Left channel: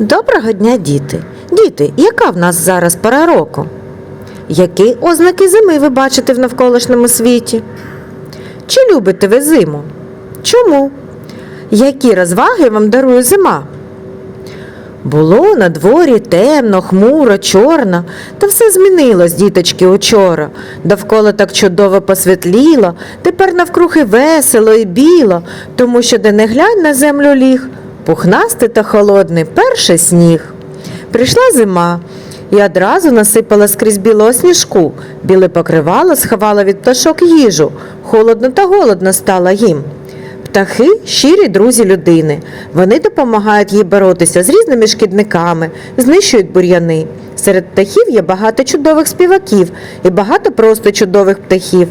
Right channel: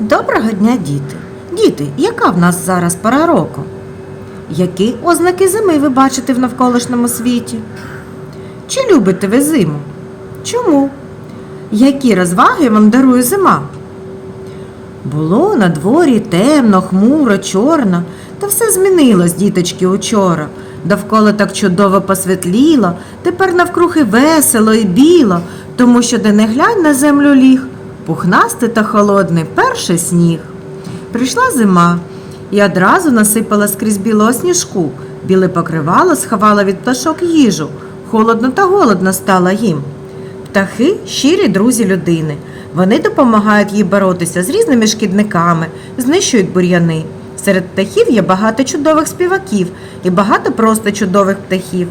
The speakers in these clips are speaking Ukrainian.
Доброго дня, діти! Діти, яка в нас зараз пора року? Які ознаки зими ви бачите в навколишньому світі? Чи любите ви зиму? Чому? Які розваги вам дарує зима? Було на дворі темно, хмуро, чорно, та все змінилось, діточки, учора. Довкола так чудово посвітліло, тепер навкруги весело і біло, тому що де не глянь на землю ліг, пухнастий та холодний перший сніг. Прийшла зима і одразу насипала скрізь білого сніжку, біле покривало сховало від пташок їжу, холодно та голодно стало їм. Птахи щирі друзі людини. Вони допомагають їй боротися з різними шкідниками, знищують бур'яни. Серед птахів є багато чудових співаків і багато просто чудових птахів.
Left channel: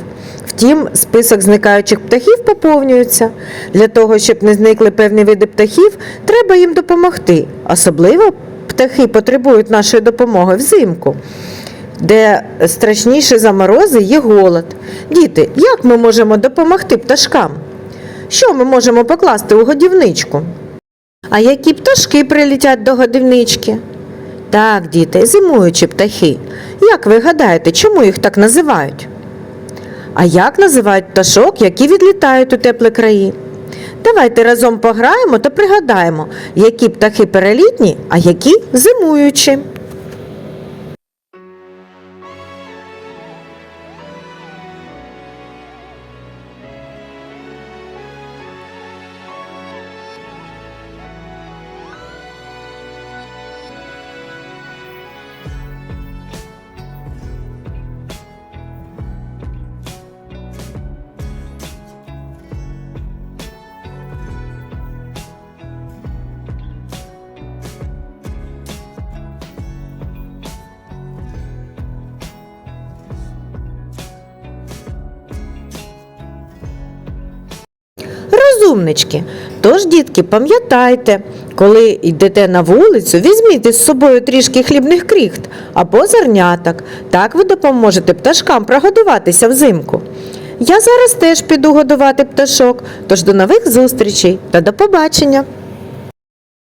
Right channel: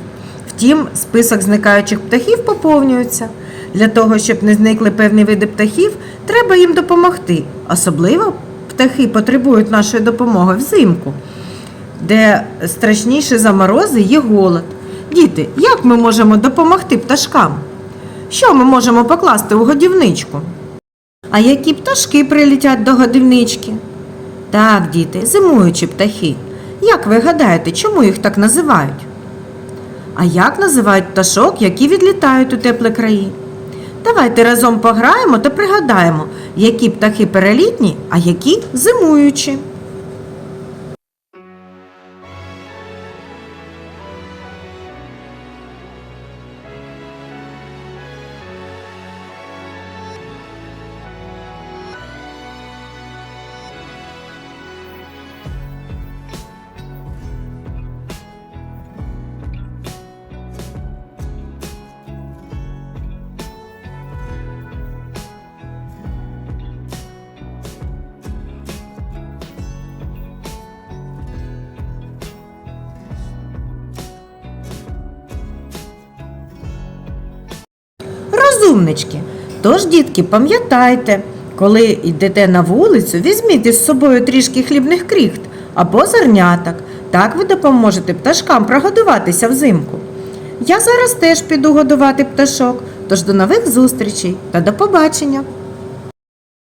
Втім, список зникаючих птахів поповнюється. Для того, щоб не зникли певні види птахів, треба їм допомогти. Особливо птахи потребують нашої допомоги взимку, де страшніше за морози є голод. Діти, як ми можемо допомогти пташкам? Що ми можемо покласти у годівничку? А які пташки прилетять до годівнички? Так, діти, зимуючі птахи. Як ви гадаєте, чому їх так називають? А як називають пташок, які відлітають у теплі краї? Давайте разом пограємо та пригадаємо, які птахи перелітні, а які зимуючі. Розумнички. Тож, дітки, пам'ятайте, коли йдете на вулицю, візьміть із собою трішки хлібних кріхт або зерняток. Так ви допоможете пташкам прогодуватися взимку. Я зараз теж піду годувати пташок, тож до нових зустрічей та до побачення!